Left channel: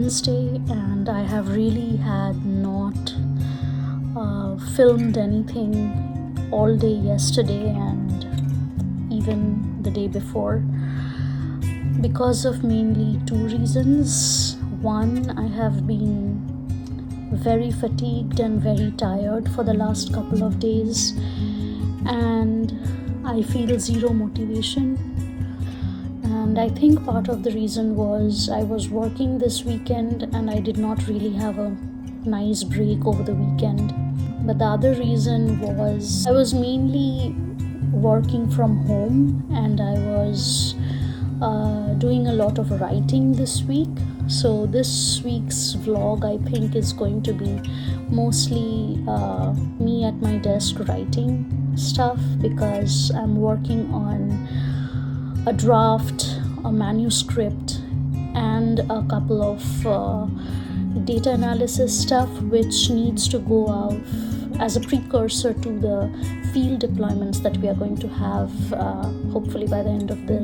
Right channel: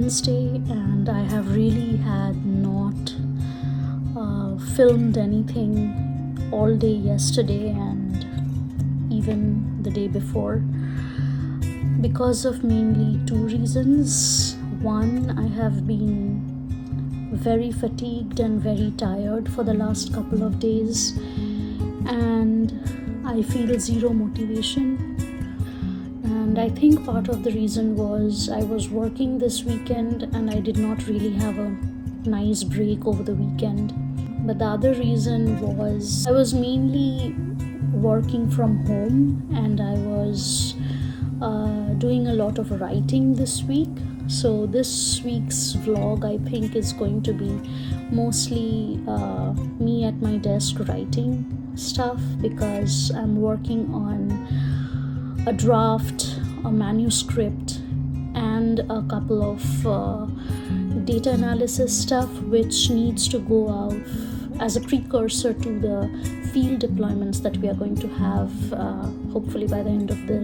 Wednesday and I have really had not filmed anything all day yesterday and even the day before because of mainly two reasons. One, I have been very fatigued and very tired for the last couple of days and I feel zero motivation. And I think part of the reason was I was working this weekend and I did not really have a nice break over the weekend. But the other reason was I was mainly working from home and I was doing a lot of writing this week. So this week's vlog I think is going to be mostly me at my desk writing stuff because I'm working on a draft, a manuscript and a couple of data analysis stuff which needs to go out as a precursor to the field deployments that we are going to have hopefully by the end of the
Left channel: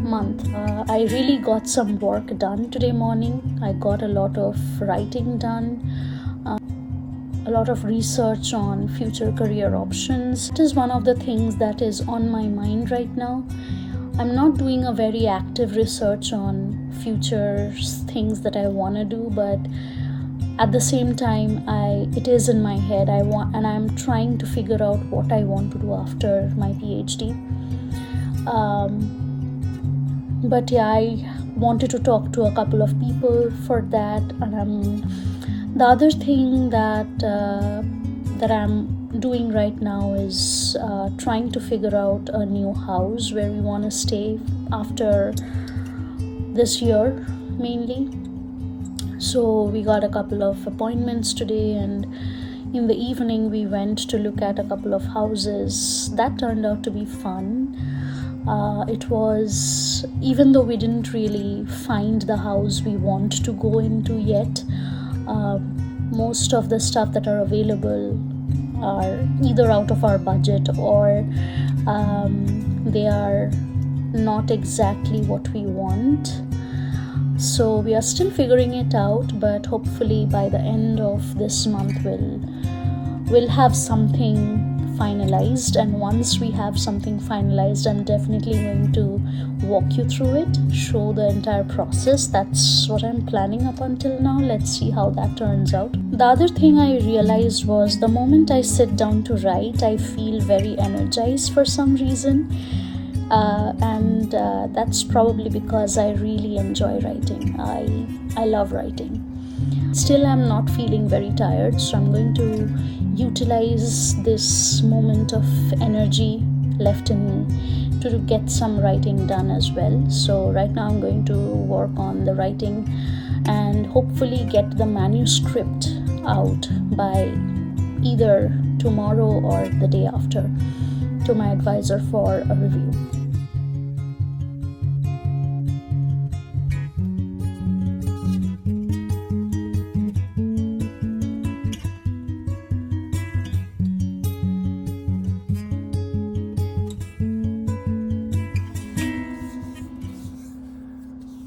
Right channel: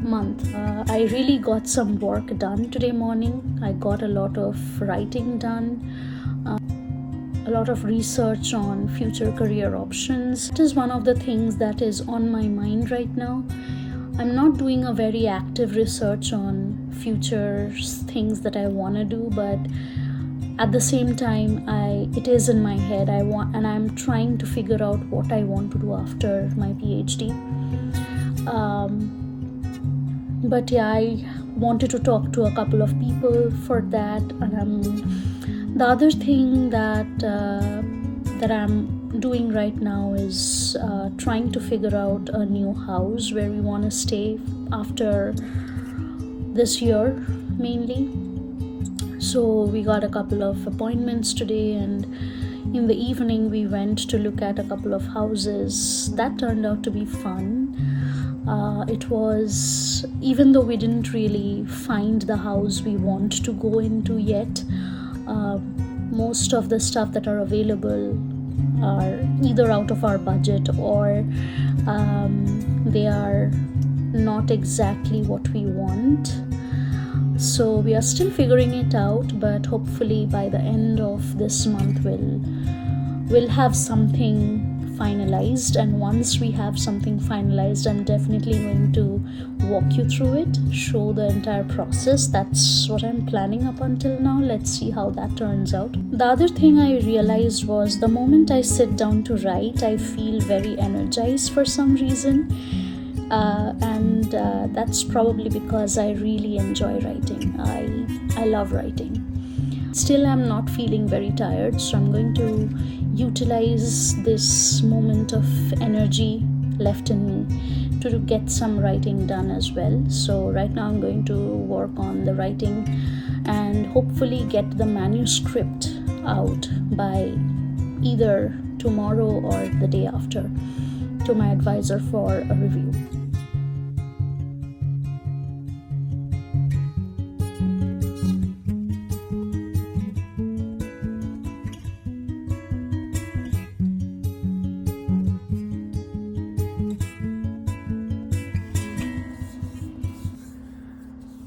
month. I really got some work done today morning. I got a lot of writing done, a lot of research on future career options. It is one of the things that is on my mind right now. I'm not doing a very active research on future things that I want to do, but at the same time it is in my head. I'm trying to figure out what I want to do after my PhD. But yeah, I wanted to talk to a couple of people for that. And the other thing that I'm doing right now is trying to figure out a new house where we want to stay after this year mainly. So we got a couple of appointments today and in the evening we went to look at a couple of houses. That turned out to be fun. It was, even though we didn't really find the house we want to go into yet, most of the stuff that are available are either out of our budget or they are not exactly what we want. So we are still figuring it out, but hopefully by the end of this month we'll have something finalized, and once we have something finalized I'm definitely going to walk you through it, show the entire process. That's what I'm planning up until now. Let's see how that turns out. The other thing I realized was the moment I sit down to write I feel very energized for some reason, and that's probably because I really enjoy writing. I love writing. Still I'm not feeling very tired, so I'm going to utilize this moment of energy left in me to get some writing done as well. So right now I'm going to work on the writing and hopefully get the manuscript out by either tomorrow or the day after to my advisor for a review.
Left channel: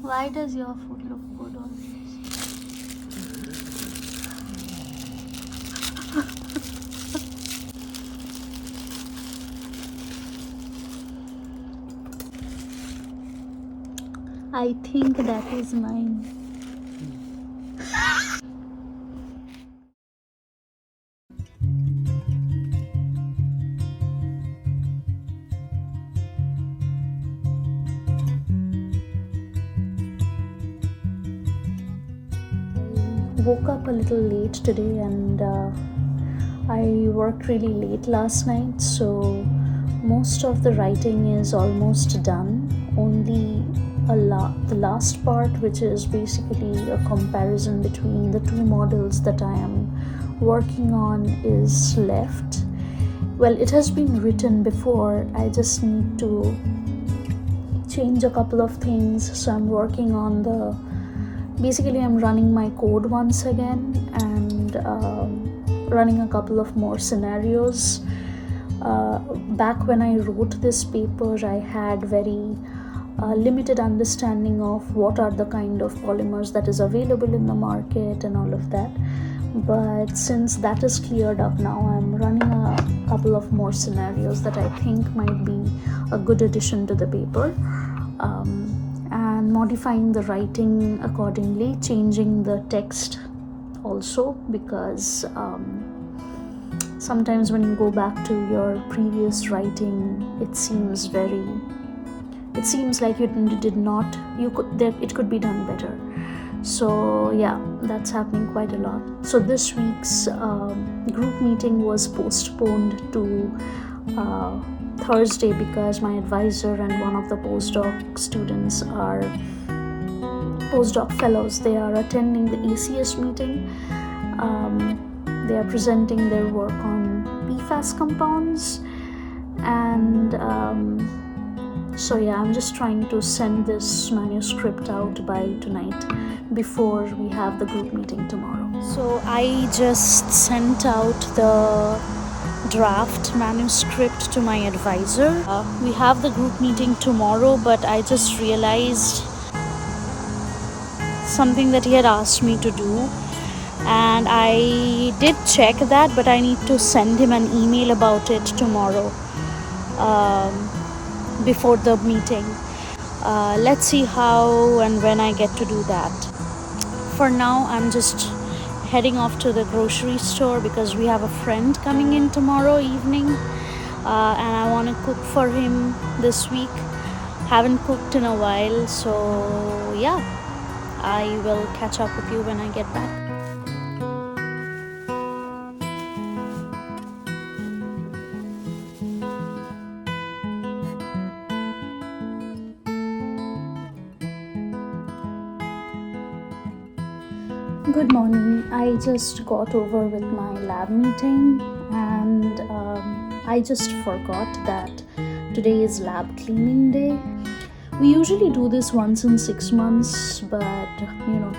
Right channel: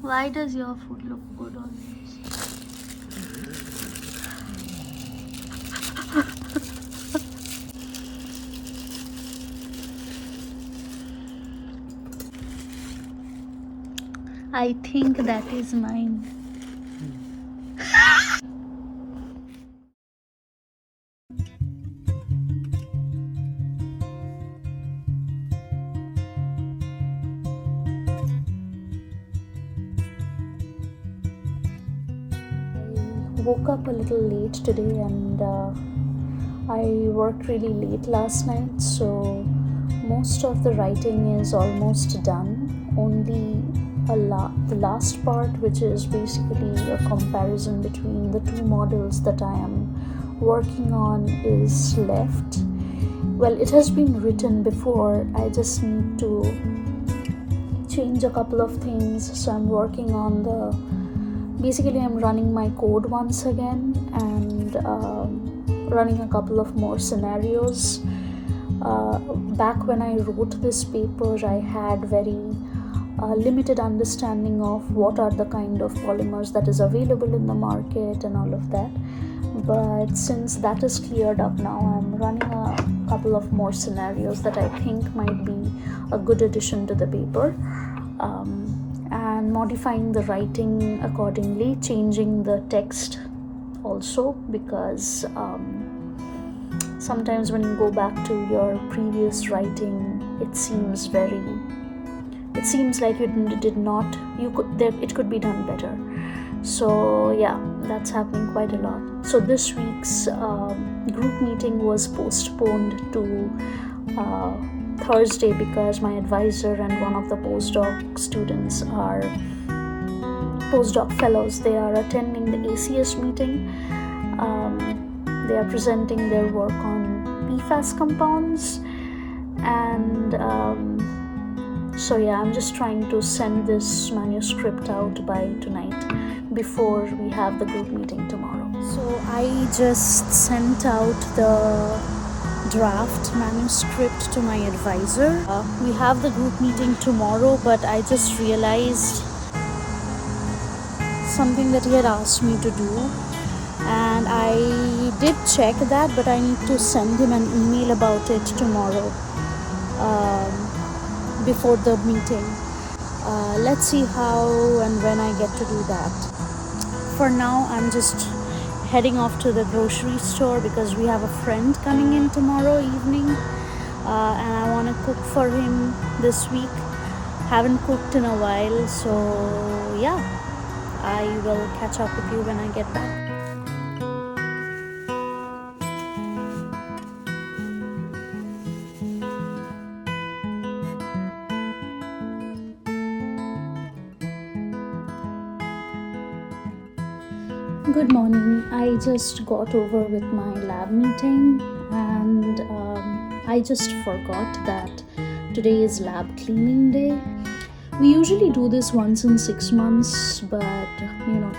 Why does your food look good on this? I think that is mine. Woke up a little late today and I worked really late last night, so most of the writing is almost done. Only the last part, which is basically a comparison between the two models that I am working on, is left. Well, it has been written before, I just need to change a couple of things. So I'm working on basically I'm running my code once again and running a couple of more scenarios. Back when I wrote this paper I had very limited understanding of what are the kind of polymers that is available in the market and all of that. But since that is cleared up now, I'm running a couple of more scenarios that I think might be a good addition to the paper, and modifying the writing accordingly, changing the text also, because sometimes when you go back to your previous writing, it seems like it could be done better. So yeah, that's happening quite a lot. So this week's group meeting was postponed to Thursday because my advisor and one of the postdoc students are postdoc fellows. They are attending the ACS meeting. They are presenting their work on PFAS compounds, and so yeah, I'm just trying to send this manuscript out by tonight before we have the group meeting tomorrow. So I just sent out the draft manuscript to my advisor. We have the group meeting tomorrow, but I just realized something that he had asked me to do, and I did check that, but I need to send him an email about it tomorrow, before the meeting. Let's see how and when I get to do that. For now, I'm just heading off to the grocery store because we have a friend coming in tomorrow evening, and I want to cook for him this week. Haven't cooked in a while, so yeah, I will catch up with you when I get back. Good morning. I just got over with my lab meeting, and I just forgot that today is lab cleaning day. We usually do this once in 6 months, but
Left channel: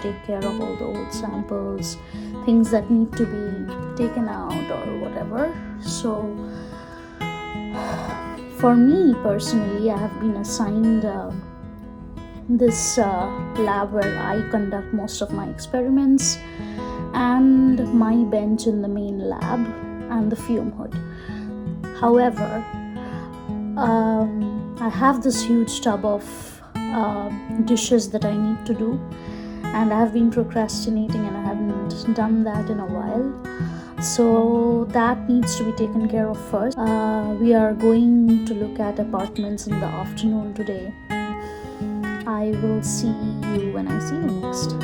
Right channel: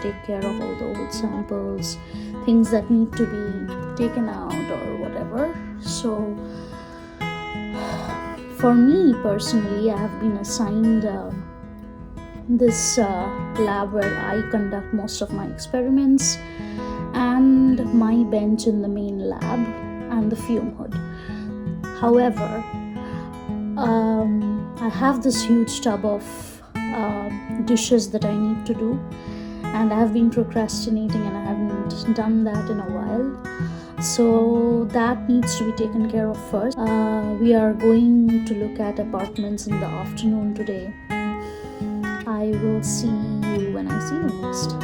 take care of all the old samples, things that need to be taken out or whatever. So for me personally, I have been assigned this lab where I conduct most of my experiments, and my bench in the main lab, and the fume hood. However, I have this huge tub of dishes that I need to do, and I have been procrastinating and I haven't done that in a while. So that needs to be taken care of first. We are going to look at apartments in the afternoon today. I will see you when I see you next.